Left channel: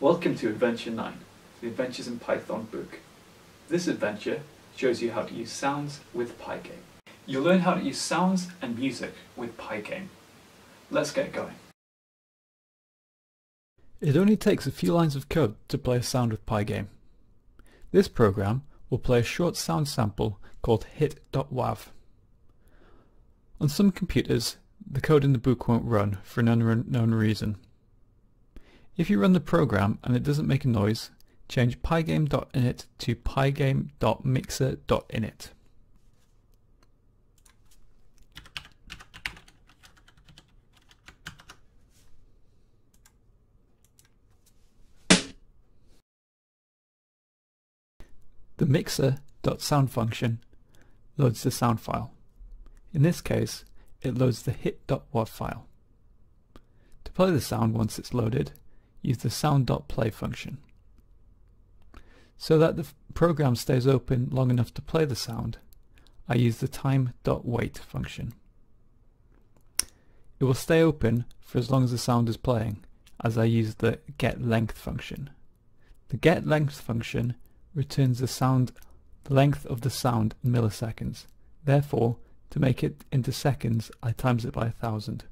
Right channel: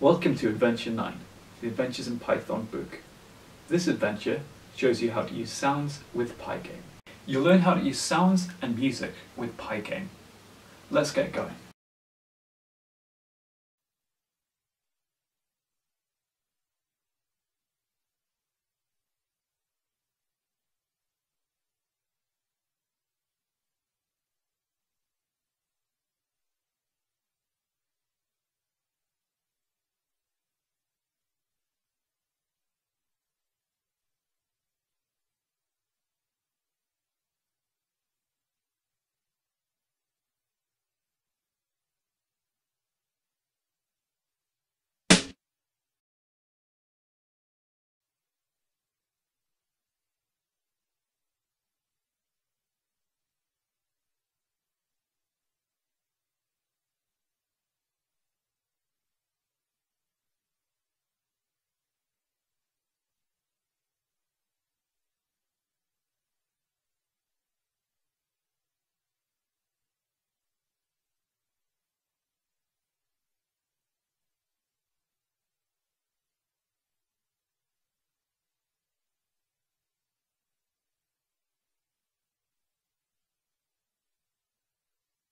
Welcome to Adventure 9, the Adventures in Python book. This adventure shows you how to use sounds with Pygame. You'll learn how to use sounds and music with Pygame. Let's get going. It only takes a few lines of code to play a sound with Pygame. This program will play a short sound sample called hit.wav. On some computers, the code in the book won't run for an unknown reason. If you run the program and it doesn't make a noise, change pygame.init to pygame.mixer.init. The mixer.sound function loads the sound file. In this case, it loads the hit.wav file. To play the sound once it's loaded, use the sound.play function. So that the program stays open long enough to play the sound, I use the time.wait function. It will stay open for as long as the sound is playing, as I use the getLength function. The getLength function returns the length of the sound in milliseconds. Therefore, to make it into seconds, I times it by 1,000.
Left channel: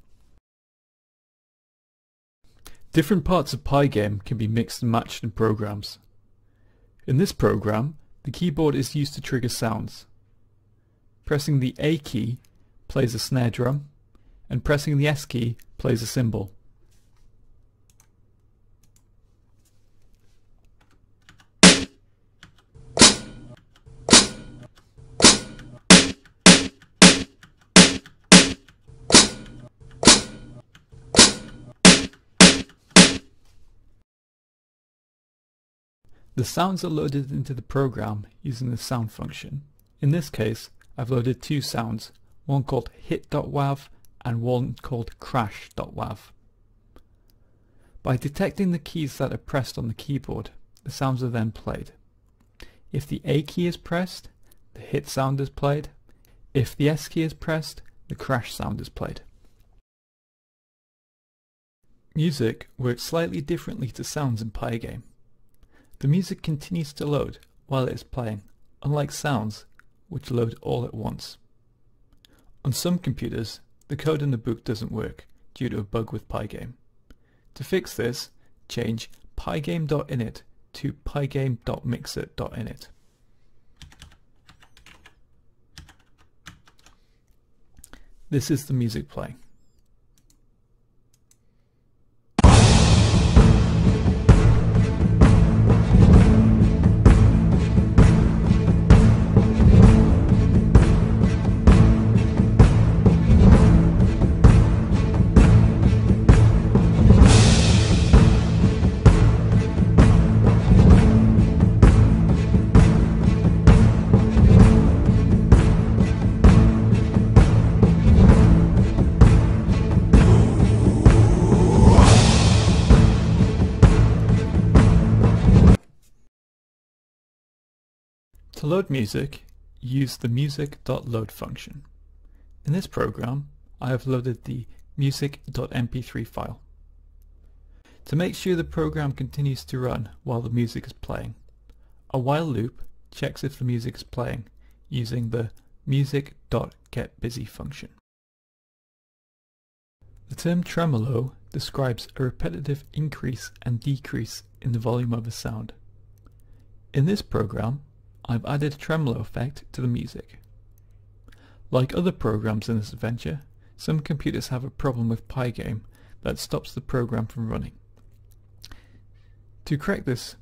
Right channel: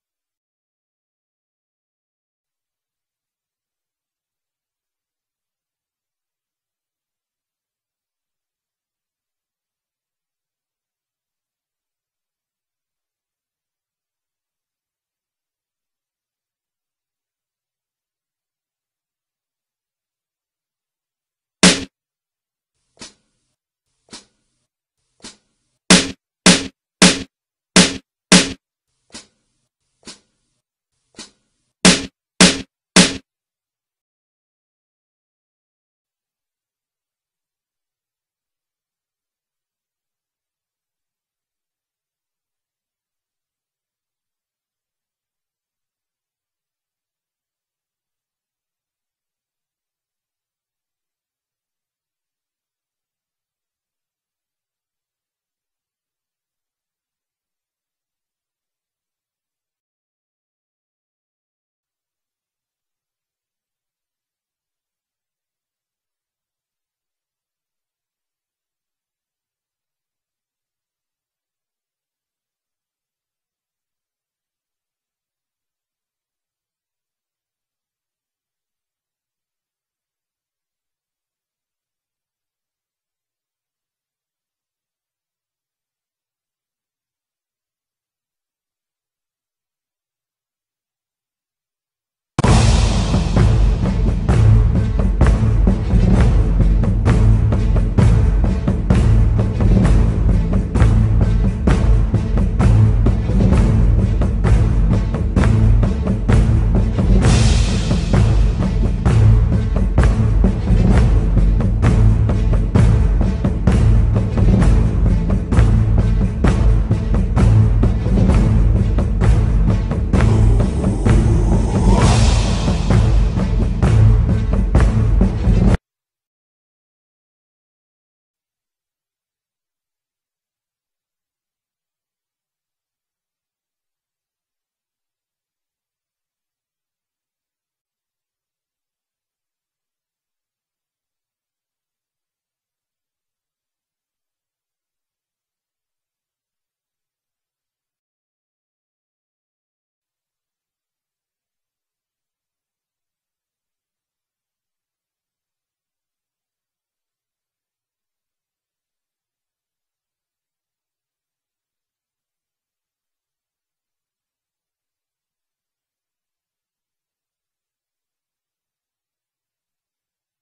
Different parts of Pygame can be mixed and matched in programs. In this program, the keyboard is used to trigger sounds. Pressing the A key plays a snare drum, and pressing the S key plays a cymbal. The sounds are loaded into the program using the sound function. In this case, I've loaded two sounds, one called hit.wav and one called crash.wav. By detecting the keys that are pressed on the keyboard, the sounds are then played. If the A key is pressed, the hit sound is played. If the S key is pressed, the crash sound is played. Music works slightly differently to sounds in Pygame. The music continues to load while it is playing, unlike sounds, which load all at once. On some computers, the code in the book doesn't work due to a bug with Pygame. To fix this, change pygame.init to pygame.mixer.init. This is the music playing. To load music, use the music.load function. In this program, I have loaded the music.mp3 file. To make sure the program continues to run while the music is playing, a while loop checks if the music is playing using the music.getBusy function. The term tremolo describes a repetitive increase and decrease in the volume of a sound. In this program, I've added a tremolo effect to the music. Like other programs in this adventure, some computers have a problem with Pygame that stops the program from running. To correct this,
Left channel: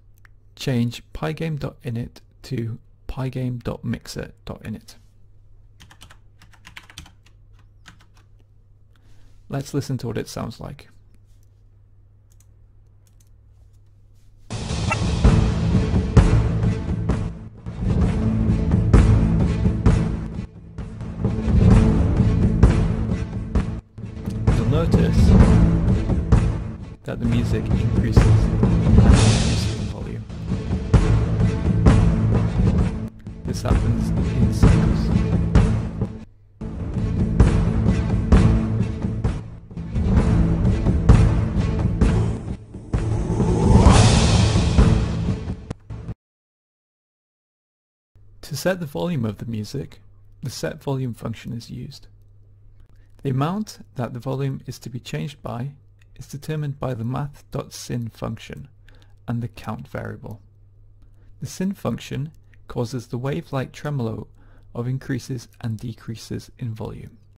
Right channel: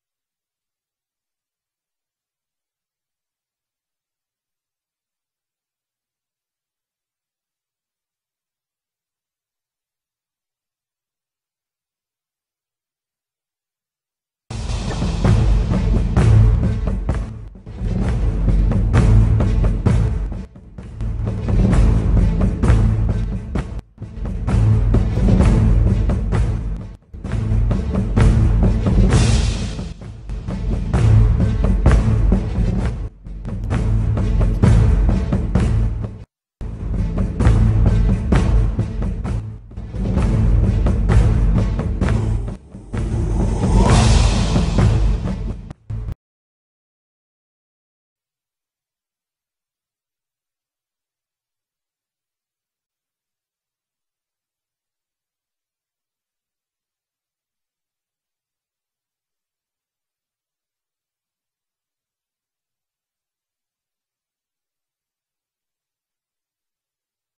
change pygame.init to pygame.mixer.init. Let's listen to what it sounds like. That the music increases the volume. This happens in seconds. To set the volume of the music, the set volume function is used. The amount that the volume is to be changed by is determined by the math.sin function and the count variable. The sin function causes the wave-like tremolo of increases and decreases in volume.